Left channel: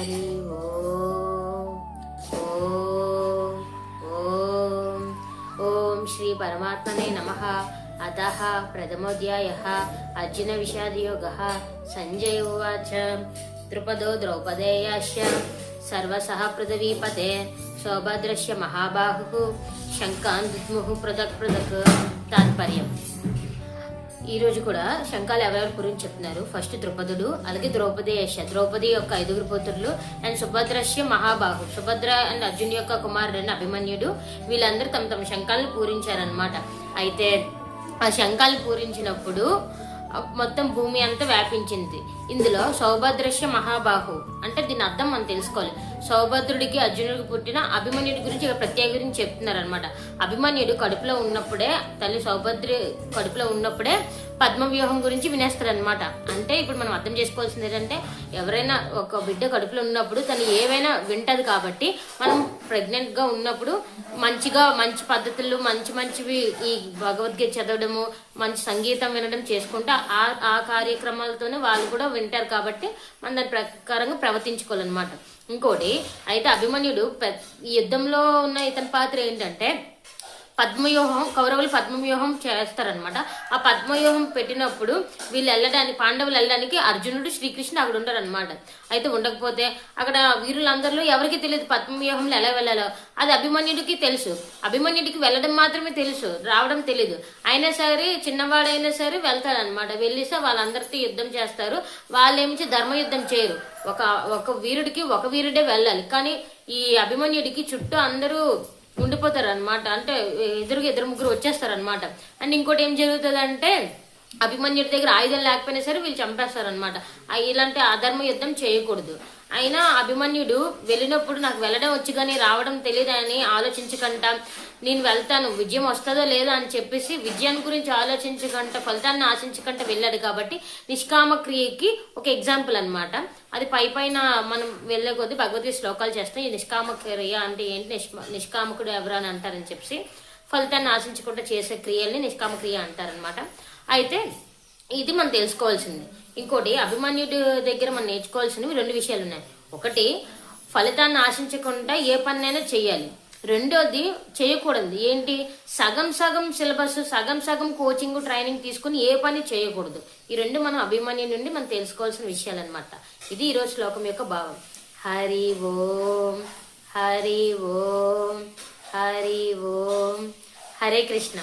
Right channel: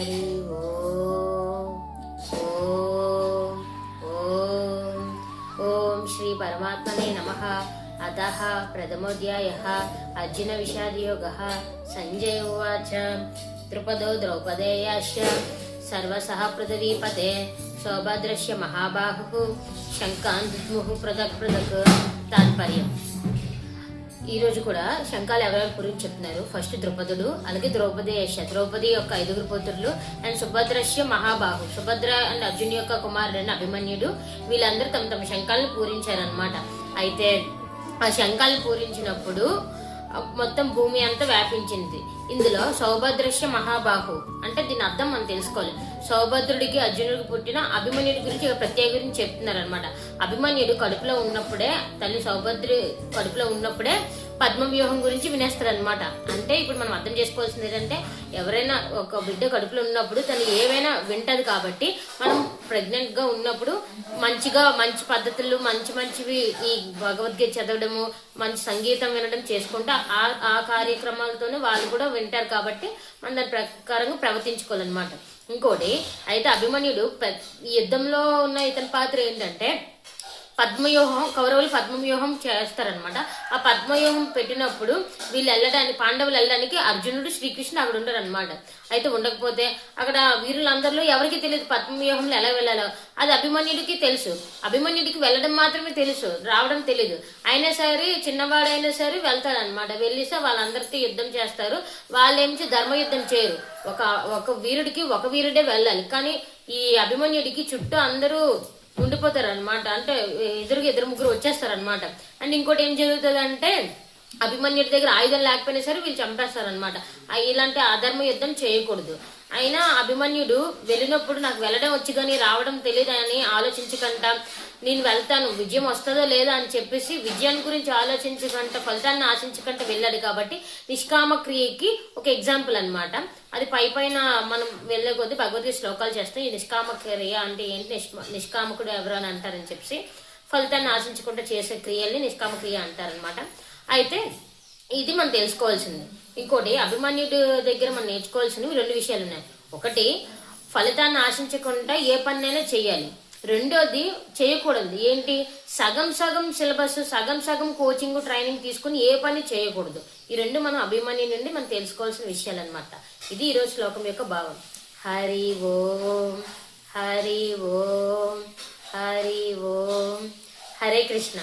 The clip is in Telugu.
హరి ఓం ఓం ఓం ఓం శ్రీ పరమాత్మనే నమః. అతః ప్రథమోధ్యాయః అర్జున విషాదయోగః. సంజయ ఉవాచ ద్రుపదో ద్రౌపదేయాశ్చ సర్వసః పృథివీపతే సౌభద్రస్య మహాబాహుః శంఖాన్ దిద్ముః పృథక్ పృథక్. తాత్పర్యం. ఈ రోజు కూడా శంఖాలు ఎవరెవరి గురించి చెప్తున్నారు. ఫస్ట్ ద్రుపదుడు, అలాగే ద్రౌపది యొక్క 5 పుత్రులు అండ్ సుభద్రస్య మహాబాహు. సుభద్ర అండ్ అర్జున్ యొక్క కుమారుడైన అభిమన్యుడు. వీళ్ళందరూ తమ తమ శంఖాలను పూరించారనమాట. అయితే ఆ శంఖాలు పూరించినప్పుడు మొత్తం భూమి అంతా వ్యాపించింది. ఇందులో సౌభద్రస్య మహాబాహు అంటే దీని అర్థం మనం తెలుసుకోవాలి. సౌభద్రుడికి అర్జునుడికి పుట్టిన అభిమన్యుడి గురించి ప్రత్యేకంగా చెప్తున్నారు అనమాట. అభిమన్యుడు కడుపులో ఉన్నప్పుడే, తల్లి సౌభద్రి కడుపులో ఉన్నప్పుడే పద్మవ్యూహం గురించి వినేస్తారు అనమాట. అంటే ఇప్పుడు మనం అర్థం చేసుకోవాల్సింది ఏంటంటే, ఎవరైనా ఒక బిడ్డ కడుపులో ఉన్నప్పుడు తను ఏవైనా వింటది. కాబట్టి మనం ప్రెగ్నెంట్ గా ఉన్నప్పుడు మంచి పద్ధతులు, మంచివి ఈ భగవద్గీత చదవడము, మంచి సంగీతం వినడం చేసుకుంటే ఆ కార్యక్రమాలతోనే వాళ్ళు కూడా వింటారు. కాబట్టి మనం దాని ప్రకారంగా ప్రవర్తించుకోవాలన్నమాట. ఇంకోటి అయితే అభిమన్యుడు యుద్ధంలో ఉన్న ఇతని పాత్ర ఏంటంటే పద్మవ్యూహం, కౌరవులు పద్మవ్యూహం చేస్తారనమాట. ఆ పద్మవ్యూహం పెట్టినప్పుడు పాండవులు వెళ్ళడానికి అర్జునుడు, శ్రీకృష్ణుడు అక్కడ ఉంటారు అనమాట. అయితే ఉండకపోతే అక్కడ వీరులందరిలో ఎవరికి తెలియదు పద్మవ్యూహంలో ఎలా వెళ్ళాలో. అది అభిమన్యుడికి తెలుసు. అభిమన్యుడికి వెళ్ళడం మాత్రమే తెలుసు, రావడం తెలియదు. అయినా సరే చిన్నవాడైనా సరే వెళ్తారనమాట. వెళ్ళిస్తే వాళ్ళందరితో యుద్ధం చేస్తారు. వాళ్ళేమించి ధర్మ యుద్ధం చేయరు. ఒక వీరుడికి ఒక వీరుడే వెళ్ళాలి. కానీ ఈ అభిమన్యుడికి చుట్టూ అందరూ ఉండిపోతారు అనమాట. అంటే ఇద్దరు ముగ్గురు వచ్చేస్తారనమాట. అండ్ ఇంకోటి ఏం జరుగుతుంది అంటే, అభిమన్యుడి దగ్గర ఆయుధం లేకపోయినా సరే వీళ్ళు చంపేస్తారనమాట. ఇలాంటి అధర్మ యుద్ధం చేయకూడదు. అయినా అభిమన్యుడు వెళ్ళినప్పుడు నాకు వెళ్ళడం వచ్చి కానీ రావడం తెలియదు అని ఆలోచించకుండా, నేను వెళ్తాను, విజయం వస్తుందో లేదో అని చెప్పేసి విజయాన్ని గురించి ఆలోచించకుండా, ఫలితాన్ని ఆశించకుండా వెళ్ళాడు. కాబట్టి నిష్కామ క్రియకి ఒక ఎగ్జాంపుల్ అనమాట. అది పైన మనం వెళ్ళే కొద్దీ భగవద్గీత శ్లోకాలు చేస్తాం. ఈ నిష్కామ క్రియ అంటే ఏంటి, నిష్కామకుడు ఎవరు అని అంటారని చెప్పి ఫలితాన్ని ఆశించకుండా చేసే క్రియల్ని నిష్కామ క్రియ అంటారనమాట. అయితే ఇది మనం తెలుసుకోవాల్సింది. ఇంకోటి అభిమన్యుడి దగ్గర మనం నేర్చుకోవాల్సినవి 2 విషయాలు ఉన్నాయి. ఒకటి, ఫలితాన్ని ఆశించకుండా ఏ పనినైనా చేయాలి. రెండోది, చేయకూడదు ఏంటి, సగం సిలబస్, సగం కోచింగ్ ట్రైనింగ్ తీసుకుని ఏ పని చేయకూడదు. ఈ 2 మనం అభిమన్యు నుండి మనం తెలుసుకోవాల్సిన విషయాలు అనమాట. ఇది ఈ రోజు శ్లోకం యొక్క భావం. హరి ఓం హరి ఓం హరి ఓం. హరే కృష్ణ.